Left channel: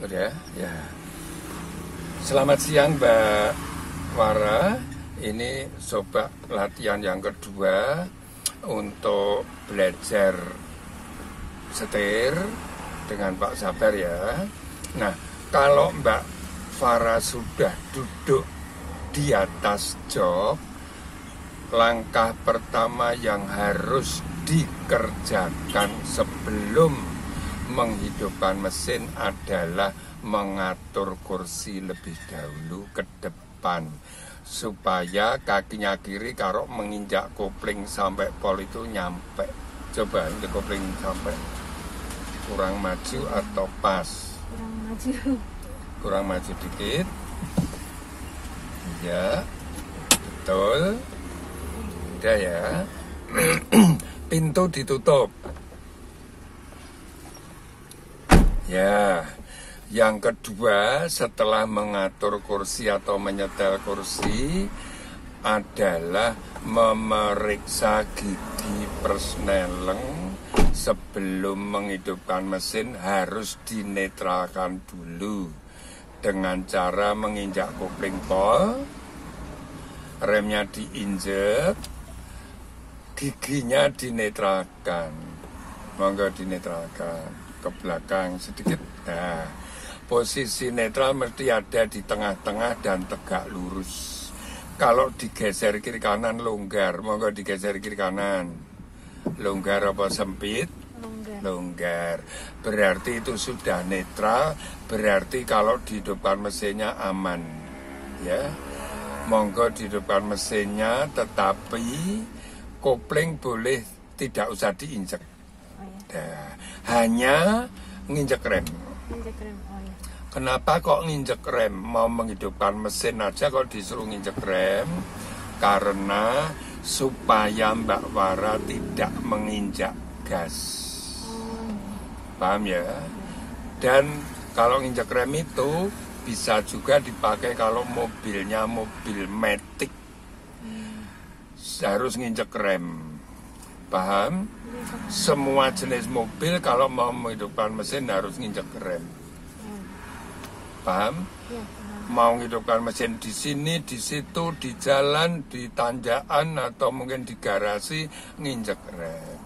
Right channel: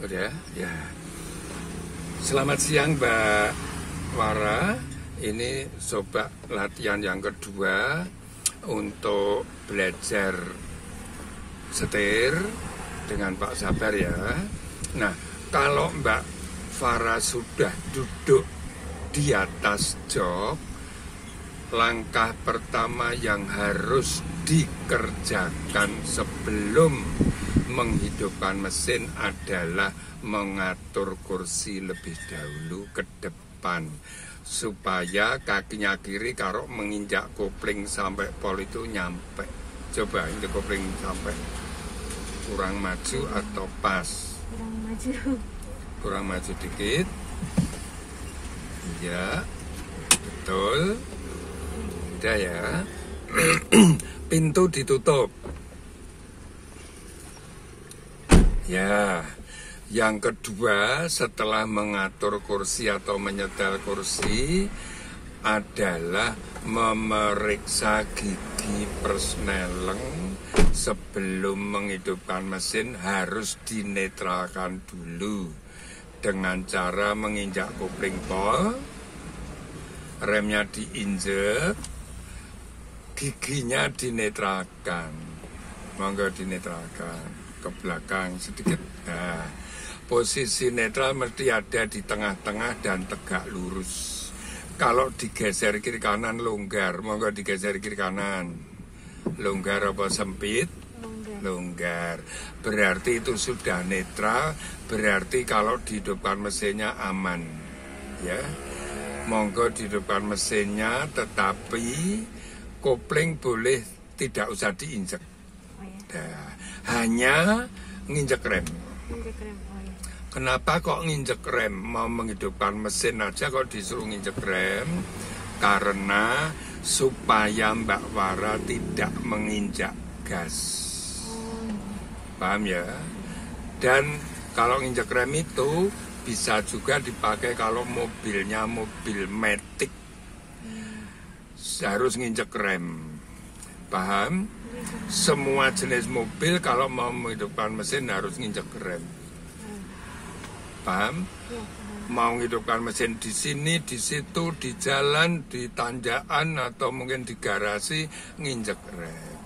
Udah, ya. Selamat siang Mbak Wara. Ini coba latihan yang kedua untuk belajar setir dengan Pak Sabar ya. Nah, kalau Mbak Farah sudah duduk di atas jok, langkah pertama yang harus dikerjakan sebelum menghidupkan mesin adalah mengatur kursi lebih dahulu ke depan supaya kakinya kiri kalau menginjak kopling sampai pol itu nyampe. Coba injak kopling sampai kurang maju atau pas? Kurang maju dikit. Ya, betul. Udah ya. Pintu ditutup. Ya, yang kedua setelah mengatur kursi atau menyetel kursi adalah memeriksa gigi persneleng sebelum menghidupkan mesin harus dinetralkan dulu dengan cara menginjak kopling pol, remnya diinjek, giginya dinetralkan, monggo dinetralkan ke belakang sedikit. Nah, posisi netral mesti ada di tengah-tengah dan tegak lurus. Kalau digeser kiri kanan longgar, monggo digeser kiri kanan. Longgar apa sempit? Longgar. Berarti itu sudah netral, berarti kalau dihidupkan mesinnya aman. Ya. Monggo dihidupkan mesinnya, tetapi kopling boleh tidak usah diinjek. Nah, hanya nginjek rem. Kenapa kok nginjek rem? Mau menghidupkan mesin aja kok disuruh nginjek rem? Karena supaya Mbak Wara tidak menginjak gas. Paham ya? Dan kalau nginjek rem itu bisa juga dipakai kalau mobilnya mobil matic. Harus nginjek rem. Paham? Semua jenis mobil kalau mau menghidupkan mesin harus nginjek rem. Paham? Ya, mau menghidupkan mesin di sini, di situ, di jalan, di tanjakan atau mungkin di garasi nginjek rem.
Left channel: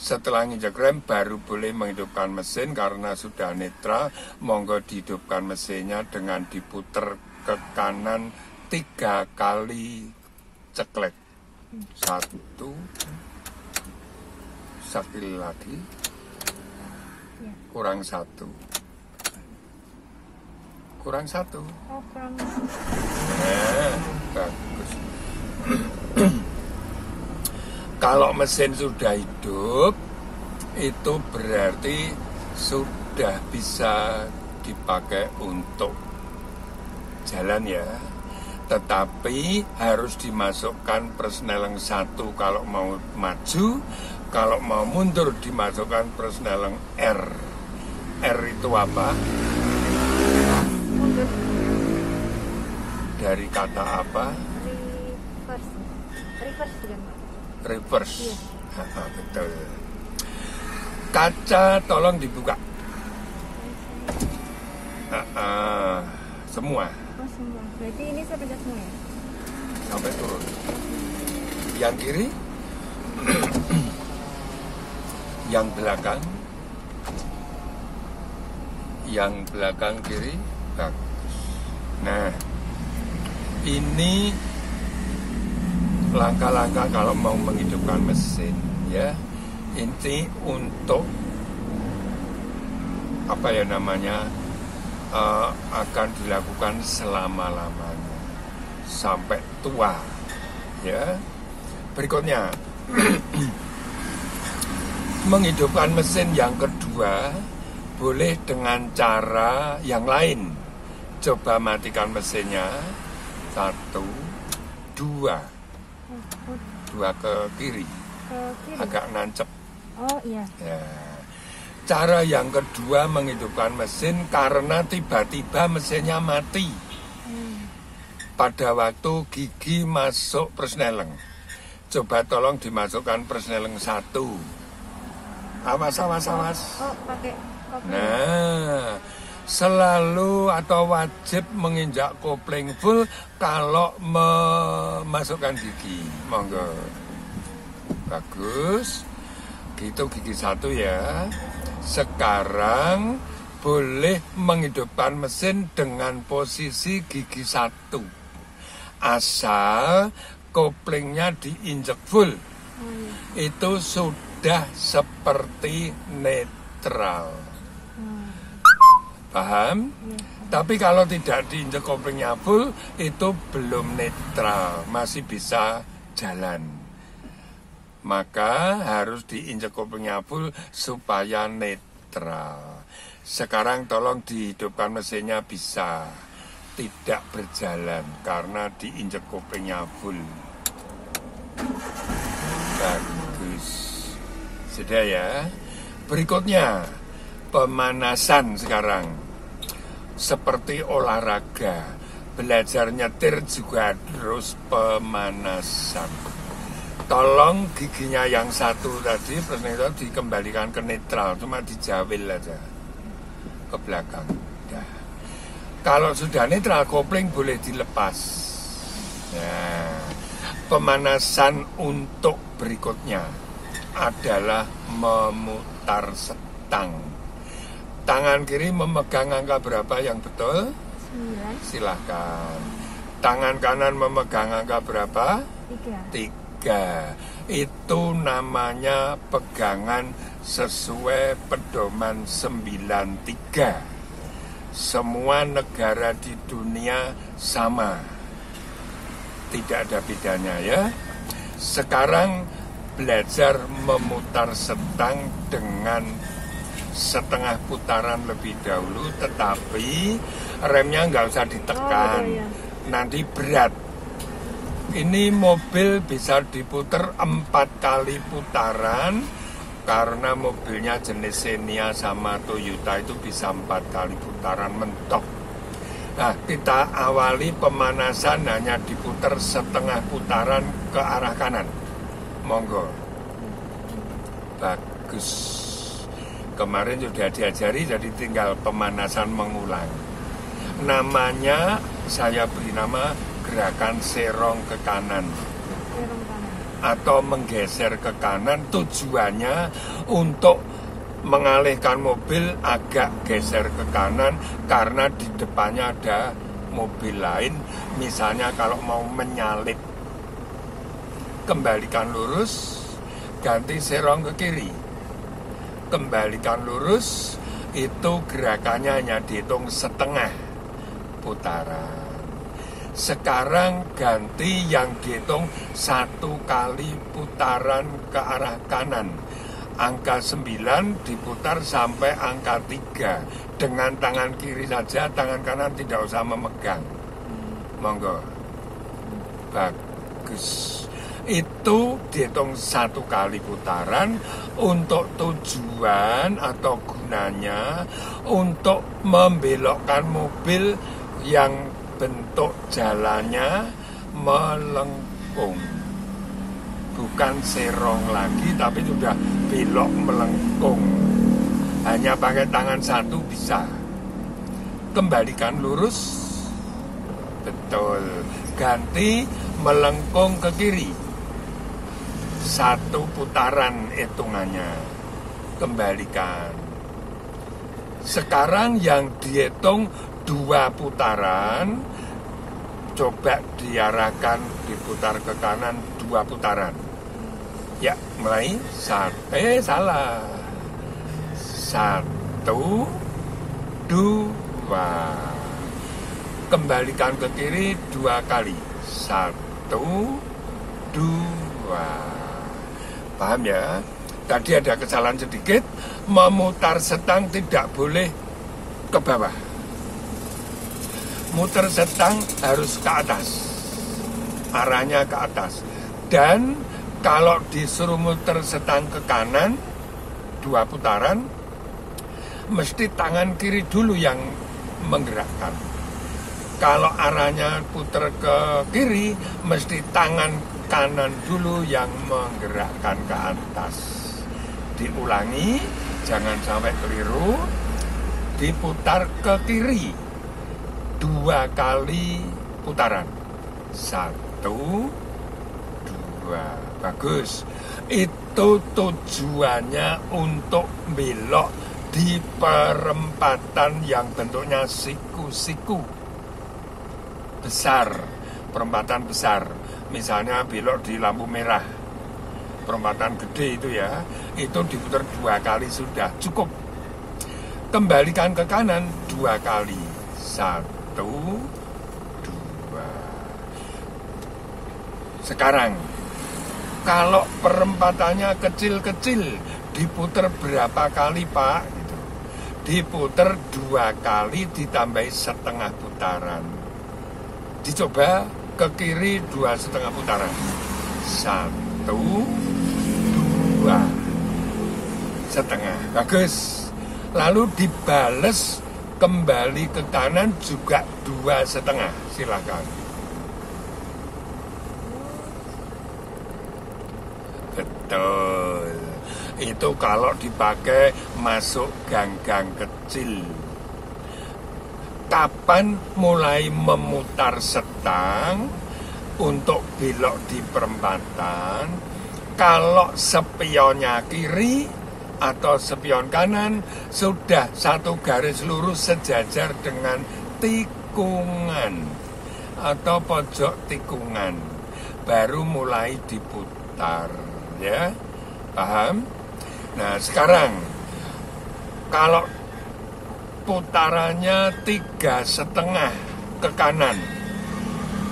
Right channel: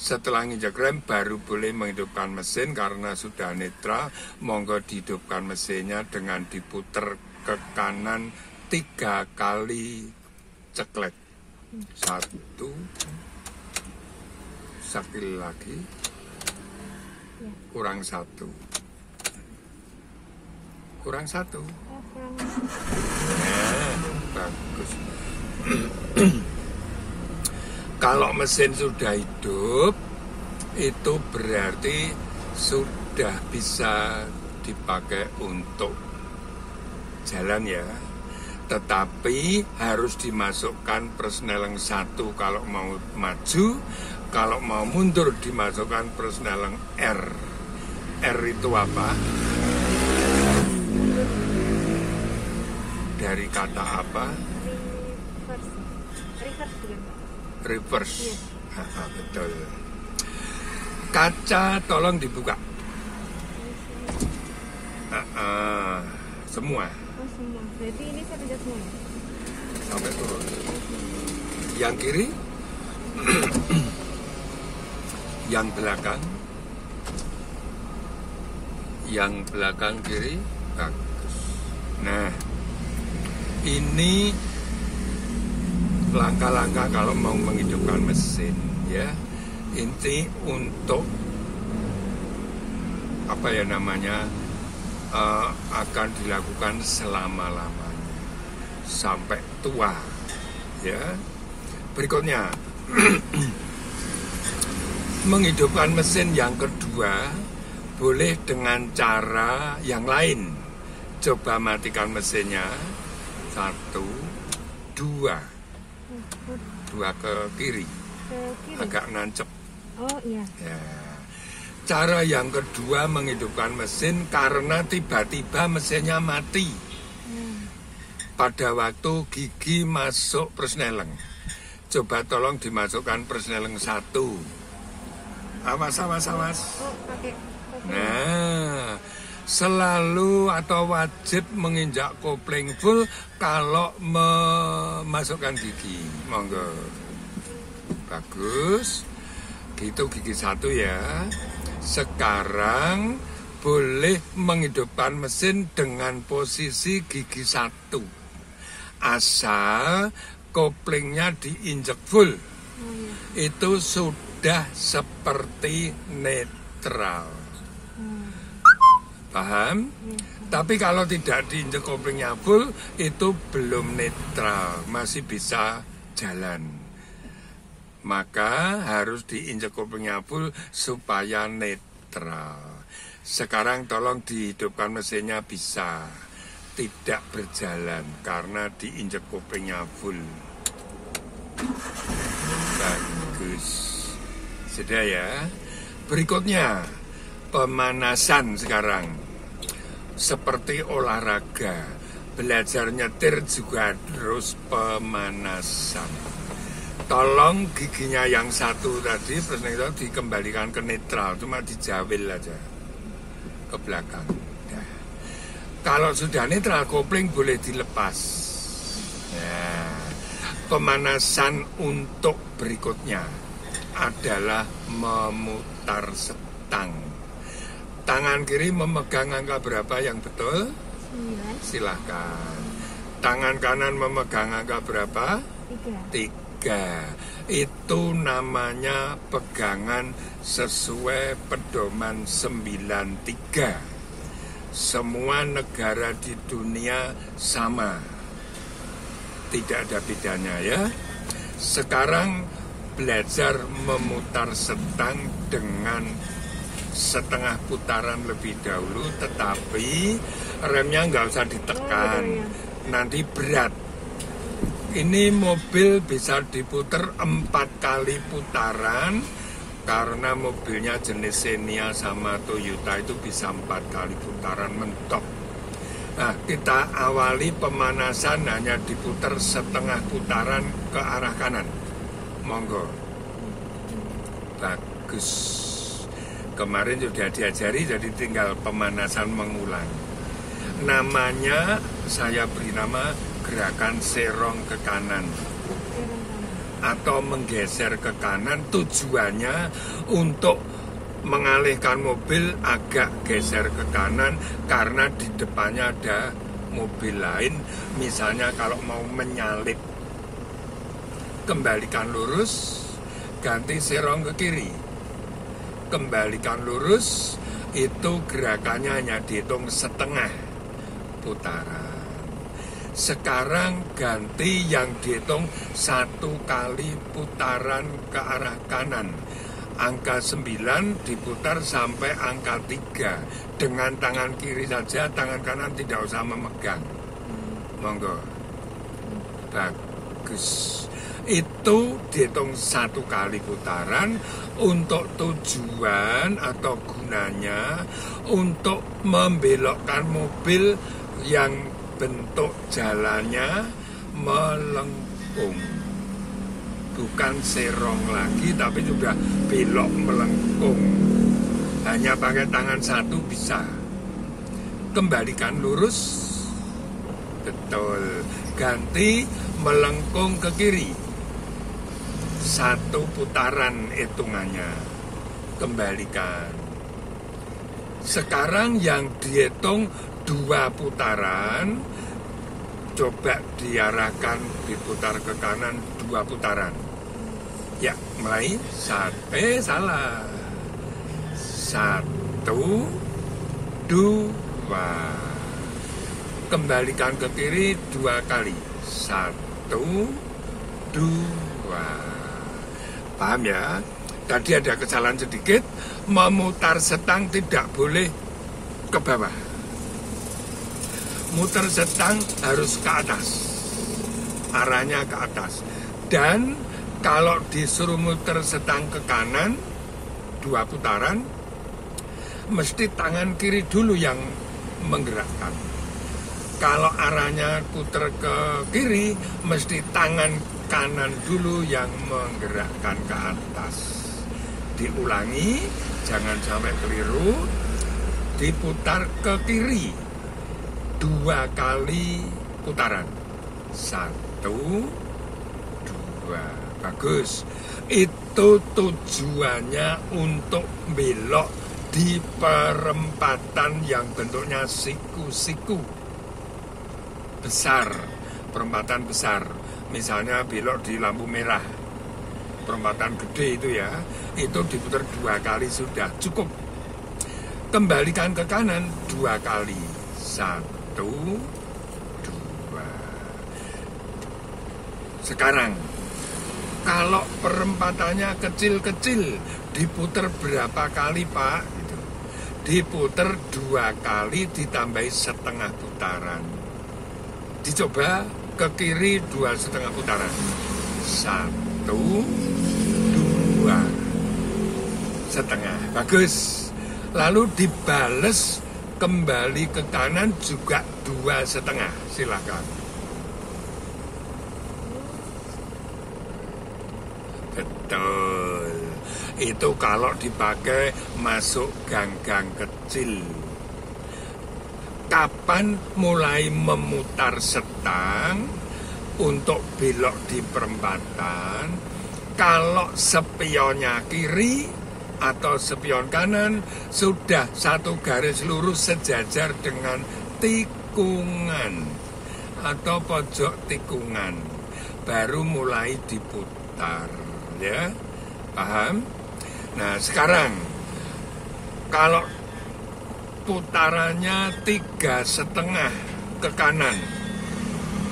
Setelah nginjek rem baru boleh menghidupkan mesin karena sudah netral. Monggo dihidupkan mesinnya dengan diputer ke kanan 3 kali ceklek. 1, sekali lagi, kurang 1, kurang 1. Bagus. Kalau mesin sudah hidup, itu berarti sudah bisa dipakai untuk jalan ya. Tetapi harus dimasukkan persneleng 1 kalau mau maju, kalau mau mundur dimasukkan persneleng R. R itu apa? Mundur. Dari kata apa? Reverse. Iya. Betul. Kaca tolong dibuka. Semua. Semua. Berarti ini sampai semua ya? Sampai turun. Yang kiri? Yang belakang? Yang belakang kiri? Bagus. Nah, ini langkah-langkah kalau mau menghidupkan mesin ya. Ini untuk apa ya namanya? Akan dilakukan selama-lamanya sampai tua ya. Berikutnya menghidupkan mesin yang kedua boleh dengan cara yang lain. Coba matikan mesinnya. 1, 2 ke kiri, agak nancep. Oh iya ya. Cara yang kedua menghidupkan mesin karena tiba-tiba mesinnya mati. Pada waktu gigi masuk persneleng. Coba tolong dimasukkan persneleng 1. Awas. Oh, pakai. Nah, selalu atau wajib menginjak kopling full kalau memasukkan gigi. Monggo. Bagus. Itu gigi 1 ya. Sekarang boleh menghidupkan mesin dengan posisi gigi 1. Asal koplingnya diinjek full. Itu sudah seperti netral. Paham? Tapi kalau tidak diinjek koplingnya full, itu belum netral, masih bisa jalan. Maka harus diinjek koplingnya full supaya netral. Sekarang tolong dihidupkan mesinnya, bisa. Tidak berjalan karena diinjek koplingnya full. Bagus. Sudah ya. Berikutnya pemanasan sekarang. Seperti olahraga, belajar nyetir juga harus pemanasan. Tolong giginya yang 1 tadi dikembalikan ke netral, cuma dijawil aja ke belakang. Nah, kalau sudah netral, kopling boleh dilepas. Nah, pemanasan untuk berikutnya adalah memutar setang. Tangan kiri memegang angka berapa yang betul? 9. Silahkan. Tangan kanan memegang angka berapa? 3. Itu namanya pegangan sesuai pedoman 93. Semua negara di dunia sama. Tidak ada bedanya ya. Sekarang belajar memutar setang dengan setengah putaran lebih dahulu, tetapi remnya nggak usah ditekan, nanti berat. Ini mobil bisa diputar 4 kali putaran, karena mobilnya jenis Xenia sama Toyota itu bisa 4 kali putaran mentok. Nah, kita awali pemanasan hanya diputar setengah putaran ke arah kanan. Monggo. Bagus. Kemarin sudah diajari, jadi tinggal pemanasan mengulang. Namanya, saya beri nama gerakan serong ke kanan. Atau menggeser ke kanan, tujuannya untuk mengalihkan mobil agak geser ke kanan, karena di depannya ada mobil lain. Misalnya kalau mau menyalip, kembalikan lurus, ganti serong ke kiri. Kembalikan lurus, itu gerakannya hanya dihitung setengah putaran. Sekarang ganti yang dihitung 1 kali putaran ke arah kanan. Angka 9 diputar sampai angka 3 dengan tangan kiri saja, tangan kanan tidak usah memegang. Monggo. Bagus. Itu dihitung 1 kali putaran untuk tujuan atau gunanya untuk membelokkan mobil yang bentuk jalannya melengkung. Bukan serong lagi, tapi sudah belok melengkung. Hanya pakai tangan 1 bisa. Kembalikan lurus. Betul. Ganti melengkung ke kiri. 1 putaran hitungannya. Kembalikan. Sekarang yang dihitung 2 putaran, coba diarahkan, diputar ke kanan 2 putaran. Ya, mulai. Salah. 1, 2. Kembalikan ke kiri 2 kali. 1, 2. Paham ya? Tadi ada kesalahan sedikit. Memutar setang tidak boleh ke bawah. Muter setang harus ke atas. Arahnya ke atas. Dan kalau disuruh muter setang ke kanan 2 putaran, mesti tangan kiri dulu yang menggerakkan. Kalau arahnya puter ke kiri, mesti tangan kanan dulu yang menggerakkan ke atas. Diulangi, jangan sampai keliru. diputar ke kiri 2 kali putaran. 1, 2. Bagus. Itu tujuannya untuk belok di perempatan yang bentuknya siku-siku besar, perempatan besar. Misalnya belok di lampu merah, perempatan gede itu ya, itu diputar 2 kali sudah cukup. Kembalikan ke kanan 2 kali. 1, 2. Sekarang kalau perempatannya kecil-kecil diputar berapa kali, Pak? Diputar 2 kali ditambahi setengah putaran. Dicoba ke kiri 2,5 putaran. 1, 2 setengah. Bagus. Lalu dibales kembali ke kanan juga 2,5. Silakan. Betul. Itu kalau dipakai masuk gang-gang kecil. Kapan mulai memutar setang untuk belok di perempatan? Kalau spionnya kiri atau spion kanan sudah satu garis lurus sejajar dengan tikungan atau pojok tikungan, baru mulai diputar, ya, paham? Nah sekarang kalau putarannya 3,5 ke kanan,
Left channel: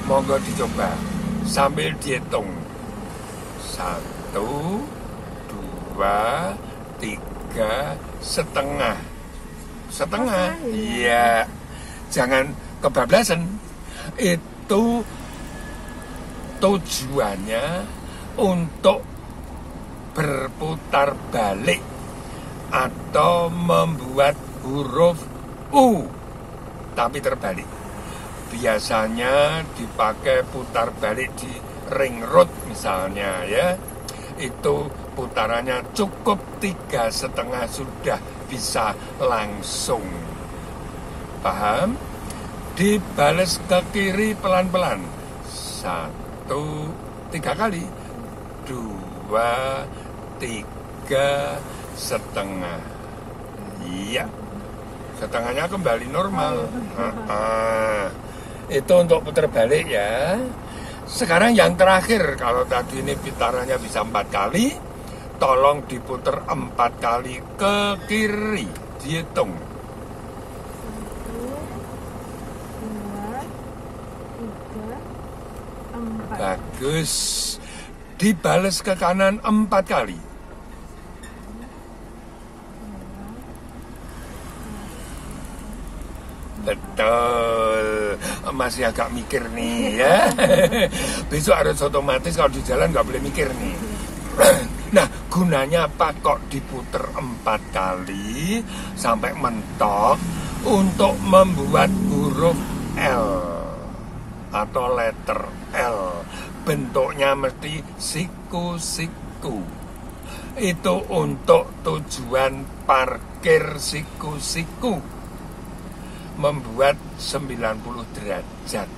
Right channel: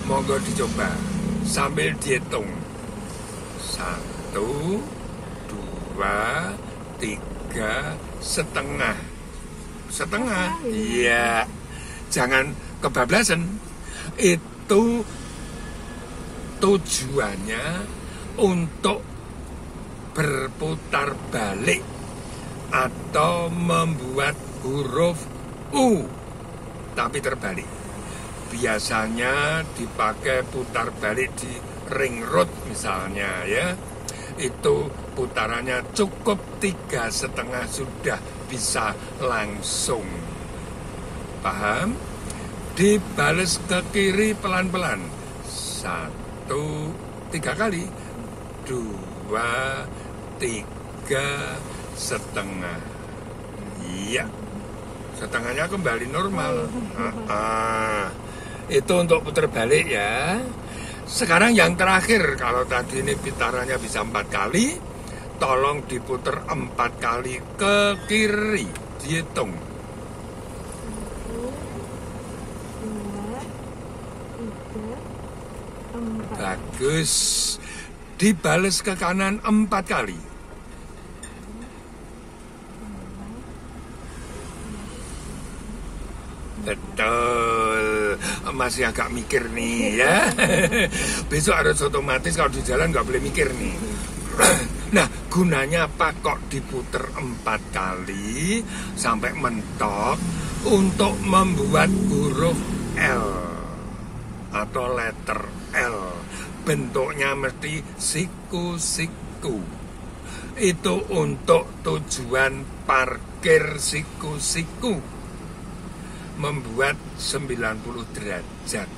monggo dicoba sambil dihitung. 1, 2, 3 setengah. Setengah, iya. Jangan kebablasan. Itu tujuannya untuk berputar balik atau membuat huruf U tapi terbalik. Biasanya dipakai putar balik di ring road misalnya, ya. Itu putarannya cukup 3,5 sudah bisa langsung. Paham? Dibales ke kiri pelan-pelan. 1, 3 kali. 2, 3,5. Iya. Setengahnya kembali normal. Itu untuk putar balik ya. Sekarang yang terakhir, kalau tadi ini putarannya bisa 4 kali, tolong diputar 4 kali ke kiri. Dihitung. 1, 2, 3, 4. Bagus. Dibales ke kanan 4 kali. Betul. Masih agak mikir nih ya. Besok harus otomatis kalau di jalan nggak boleh mikir nih. Nah gunanya apa kok diputer 4 kali sampai mentok? Untuk membuat huruf L atau letter L. Bentuknya mesti siku-siku. Itu untuk tujuan parkir siku-siku, membuat 90 derajat.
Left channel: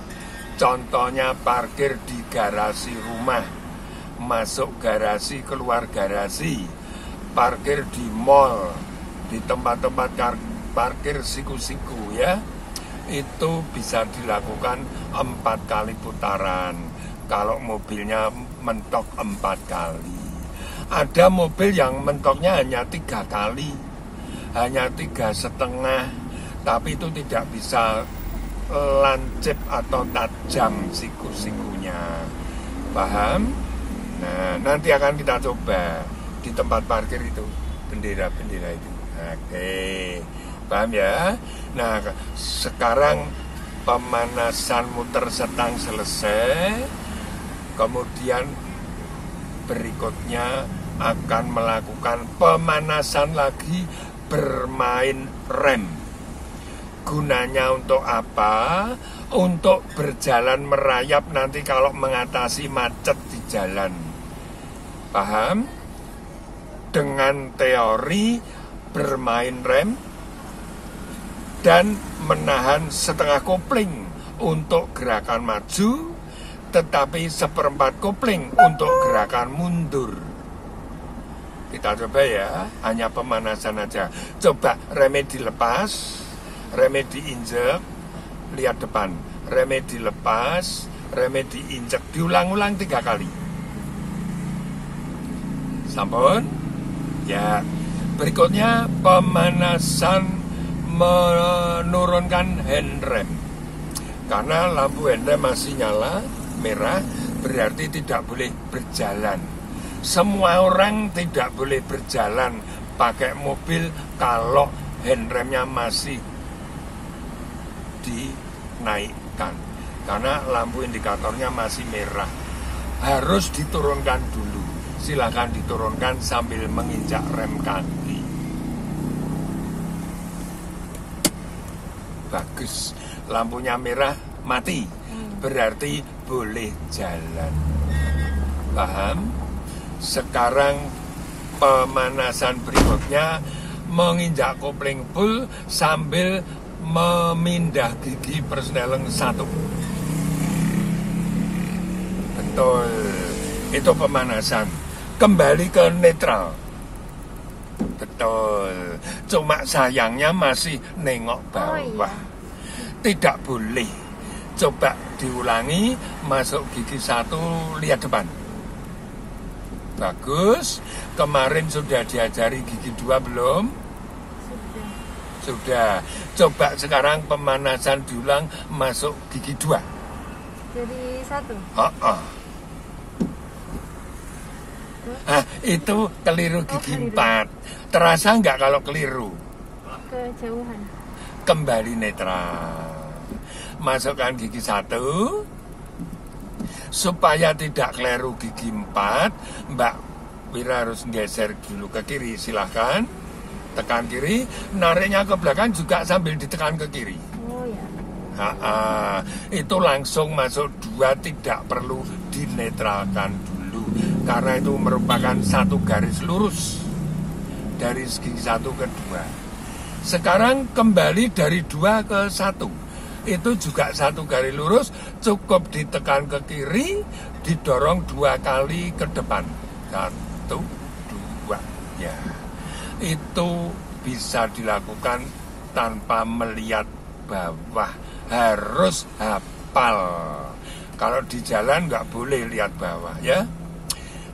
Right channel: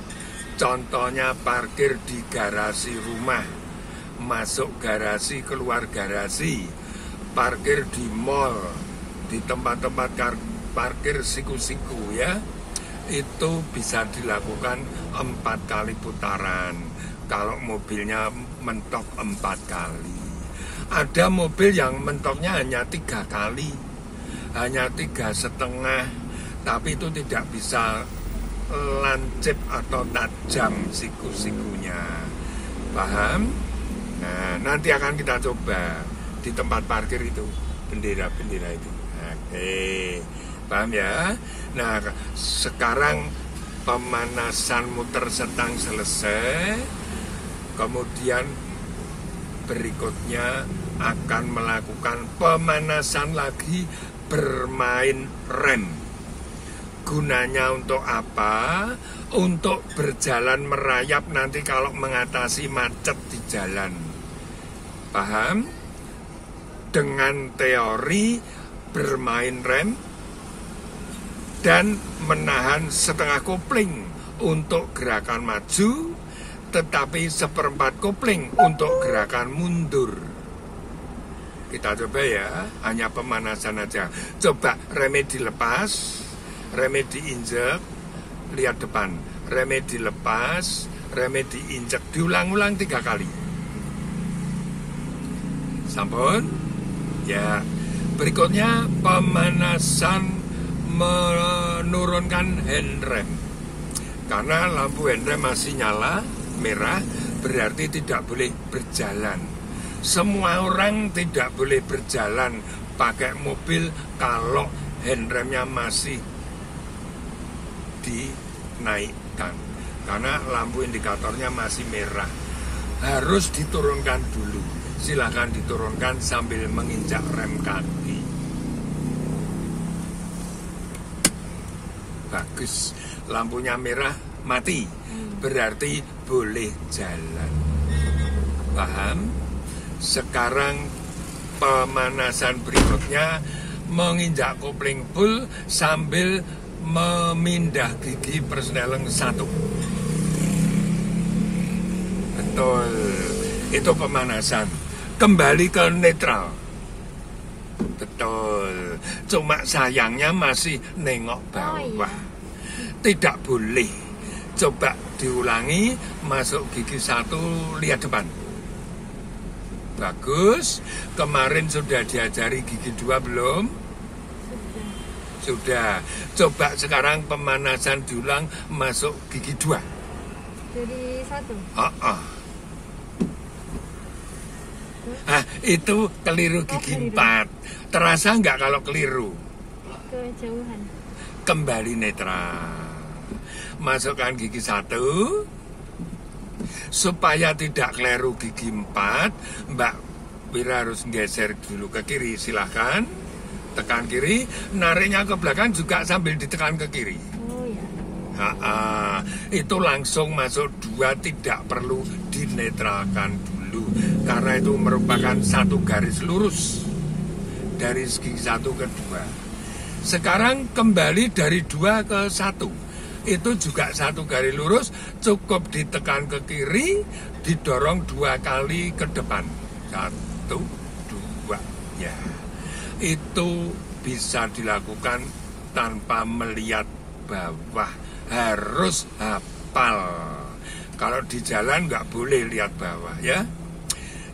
Contohnya parkir di garasi rumah, masuk garasi, keluar garasi, parkir di mall, di tempat-tempat parkir siku-siku, ya. Itu bisa dilakukan 4 kali putaran. Kalau mobilnya mentok 4 kali. Ada mobil yang mentoknya hanya 3 kali, hanya 3,5, tapi itu tidak bisa lancip atau tajam siku-sikunya. Paham? Nah, nanti akan kita coba di tempat parkir itu, bendera-bendera itu. Oke, paham ya? Nah, sekarang pemanasan muter setang selesai. Kemudian berikutnya akan melakukan pemanasan lagi, bermain rem. Gunanya untuk apa? Untuk berjalan merayap nanti kalau mengatasi macet di jalan. Paham? Dengan teori bermain rem, dan menahan setengah kopling untuk gerakan maju, tetapi seperempat kopling untuk gerakan mundur. Kita coba ya, hanya pemanasan aja. Coba remnya dilepas, remnya diinjek, lihat depan. Remnya dilepas, remnya diinjek, diulang-ulang 3 kali. Sampun? Ya. Berikutnya pemanasan menurunkan handrem. Karena lampu handrem masih nyala merah, berarti tidak boleh berjalan. Semua orang tidak boleh berjalan pakai mobil kalau handremnya masih dinaikkan. Karena lampu indikatornya masih merah. Harus diturunkan dulu. Silakan diturunkan sambil menginjak rem kaki. Bagus. Lampunya merah mati. Berarti boleh jalan. Paham? Sekarang pemanasan berikutnya menginjak kopling full sambil memindah gigi persneleng 1. Betul. Itu pemanasan. Kembali ke netral. Betul. Cuma sayangnya masih nengok bawah. Oh, iya. Tidak boleh. Coba diulangi, masuk gigi 1, lihat depan. Bagus. Kemarin sudah diajari gigi 2 belum? Sudah. Coba sekarang pemanasan diulang, masuk gigi 2. Dari 1. Nah, itu keliru gigi 4. Terasa nggak kalau keliru? Kejauhan. Kembali netral. Masukkan gigi 1. Supaya tidak keliru gigi 4, Mbak Wira harus geser dulu ke kiri. Silahkan. Tekan kiri. Nariknya ke belakang juga sambil ditekan ke kiri. Oh ya. Itu langsung masuk 2, tidak perlu dinetralkan dulu. Karena itu merupakan satu garis lurus dari segi 1 ke 2. Sekarang kembali dari 2 ke 1. Itu juga satu garis lurus, cukup ditekan ke kiri, didorong 2 kali ke depan. 1, 2, ya. Itu bisa dilakukan tanpa melihat bawah. Harus hafal. Kalau di jalan nggak boleh lihat bawah, ya.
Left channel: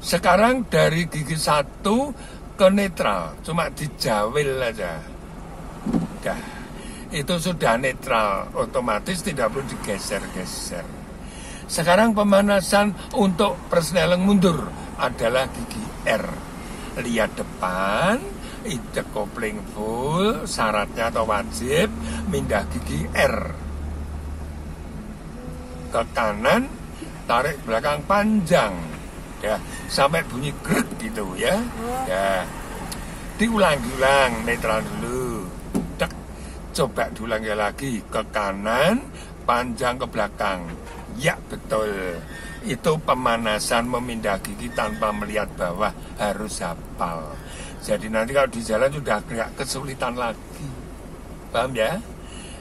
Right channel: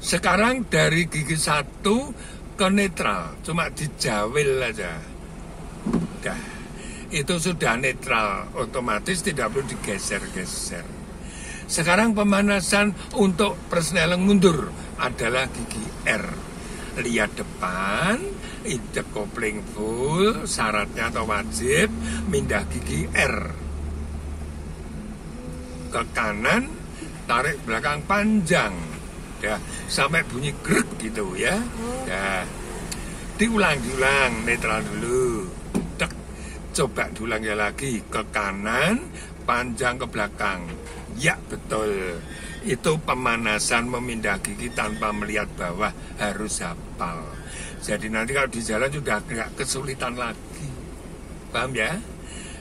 Sekarang dari gigi 1 ke netral, cuma dijawil aja. Dah. Itu sudah netral, otomatis tidak perlu digeser-geser. Sekarang pemanasan untuk persneleng mundur adalah gigi R. Lihat depan, injek kopling full, syaratnya atau wajib, mindah gigi R. Ke kanan, tarik belakang panjang. Ya, sampai bunyi grek gitu ya. Ya. Diulang-ulang, netral dulu. Coba diulangi lagi, ke kanan, panjang ke belakang. Ya, betul. Itu pemanasan memindah gigi tanpa melihat bawah, harus hafal. Jadi nanti kalau di jalan sudah agak kesulitan lagi. Paham ya?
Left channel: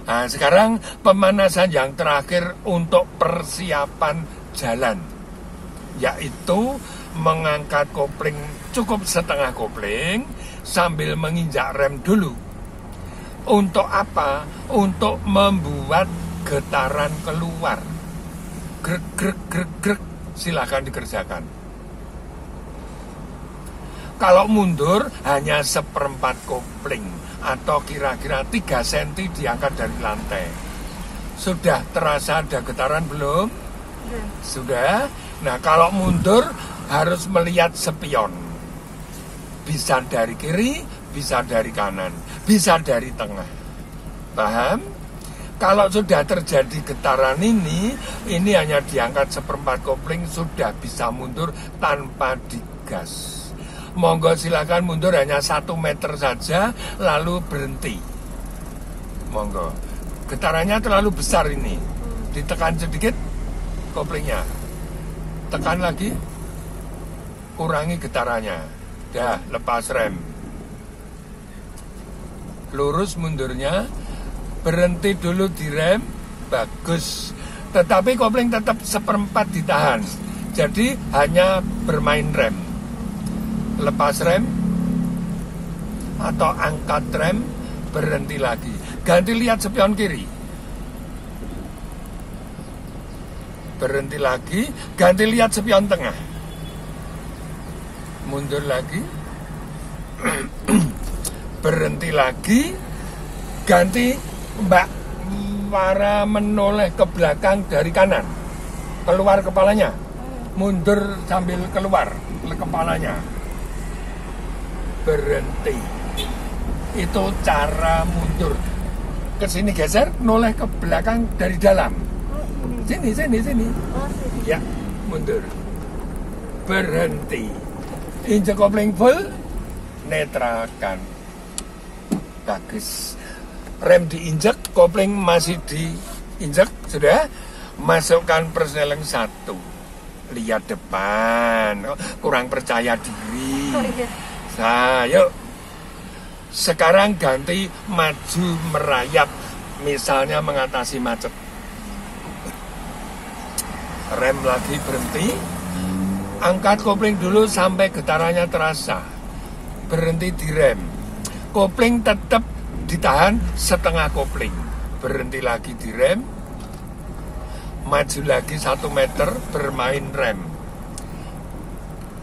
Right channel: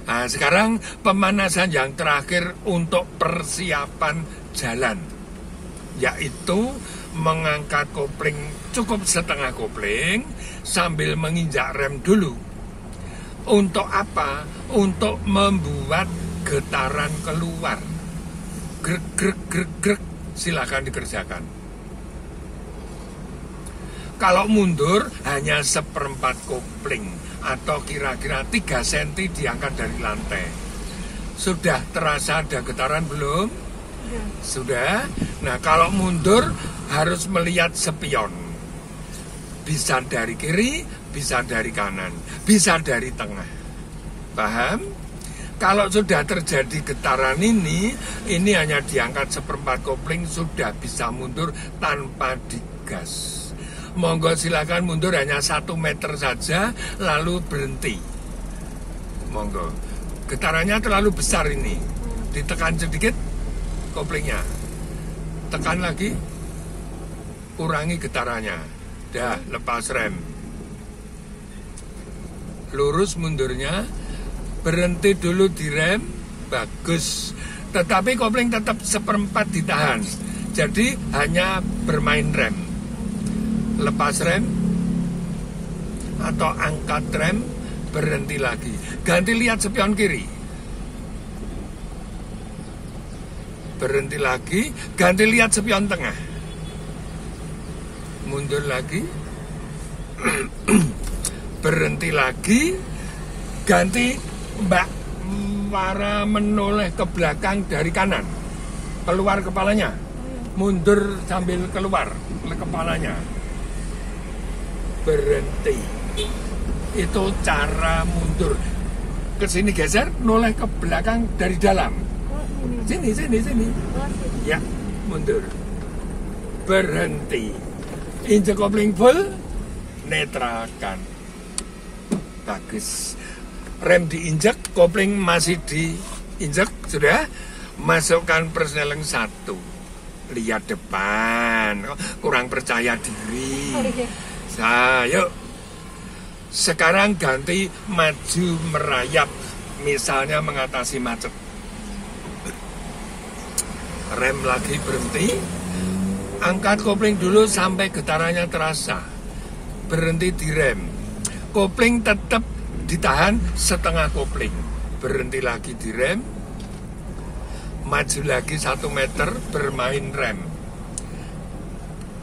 Nah, sekarang pemanasan yang terakhir untuk persiapan jalan, yaitu mengangkat kopling cukup setengah kopling sambil menginjak rem dulu. Untuk apa? Untuk membuat getaran keluar. Grek, grek, grek, grek. Silakan dikerjakan. Kalau mundur hanya seperempat kopling atau kira-kira 3 cm diangkat dari lantai. Sudah terasa ada getaran belum? Sudah. Nah, kalau mundur harus melihat spion. Bisa dari kiri, bisa dari kanan, bisa dari tengah. Paham? Kalau sudah terjadi getaran ini hanya diangkat seperempat kopling, sudah bisa mundur tanpa digas. Monggo silakan mundur hanya 1 meter saja, lalu berhenti. Monggo. Getarannya terlalu besar ini. Ditekan sedikit koplingnya. Tekan lagi, kurangi getarannya. Dah, lepas rem. Lurus mundurnya, berhenti dulu direm, bagus. Tetapi kopling tetap seperempat ditahan. Jadi hanya bermain rem. Lepas rem atau angkat rem, berhenti lagi. Ganti lihat spion kiri. Berhenti lagi, ganti lihat spion tengah. Mundur lagi. Berhenti lagi, ganti mbak para menoleh ke belakang dari kanan, keluar kepalanya, mundur sambil keluar kepalanya, berhenti. Itu cara mundur. Ke sini geser, noleh ke belakang dari dalam. Sini. Oh, sini. Ya, mundur. Berhenti. Injek kopling full, netralkan. Bagus. Rem diinjek, kopling masih diinjek, sudah. Masukkan persneling 1. Lihat depan. Oh, kurang percaya diri. Oh, iya. Yuk. Sekarang ganti maju merayap. Misalnya mengatasi macet. Rem lagi berhenti. Angkat kopling dulu sampai getarannya terasa. Berhenti di rem. Kopling tetap ditahan setengah kopling. Berhenti lagi di rem. Maju lagi 1 meter, bermain rem.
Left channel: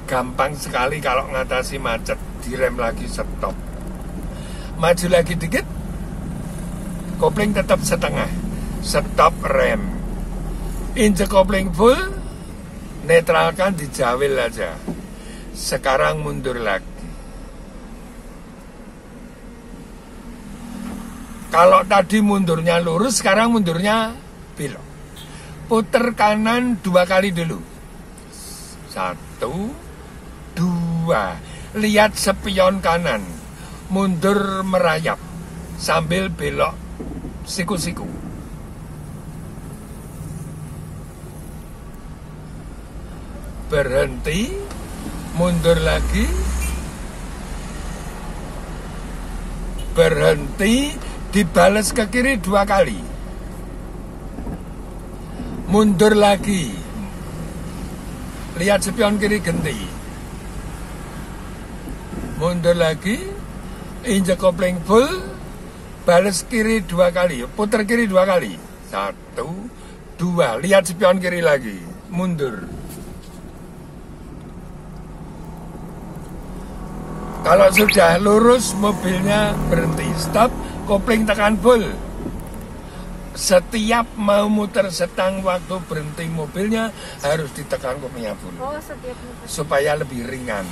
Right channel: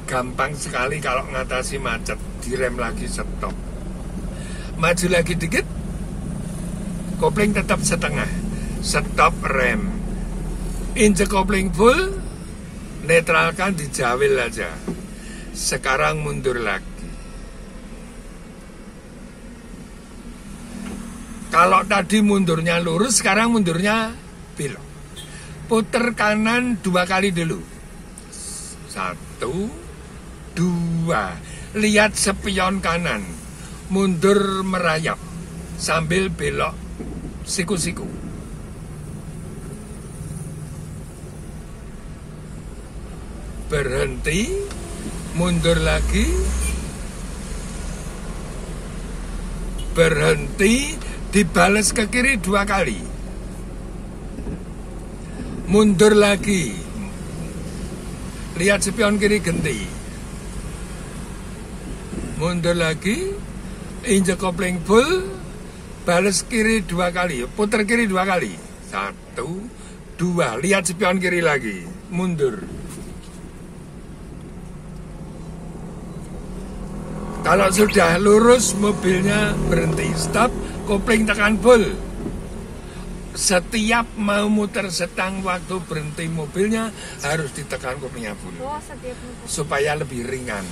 Gampang sekali kalau ngatasi macet. Direm lagi, stop. Maju lagi dikit, kopling tetap setengah. Stop rem. Injek kopling full, netralkan, dijawil aja. Sekarang mundur lagi. Kalau tadi mundurnya lurus, sekarang mundurnya belok. Puter kanan 2 kali dulu. 1, 2. Lihat spion kanan. Mundur merayap sambil belok siku-siku. Berhenti, mundur lagi. Berhenti, dibales ke kiri 2 kali. Mundur lagi. Lihat spion kiri, ganti. Mundur lagi, injek kopling full, bales kiri 2 kali, putar kiri 2 kali. 1, 2, lihat spion kiri lagi, mundur. Kalau sudah lurus, mobilnya berhenti, stop, kopling tekan full. Setiap mau muter setang waktu berhenti mobilnya harus ditekan koplingnya full. Oh, setiap muter. Supaya lebih ringan.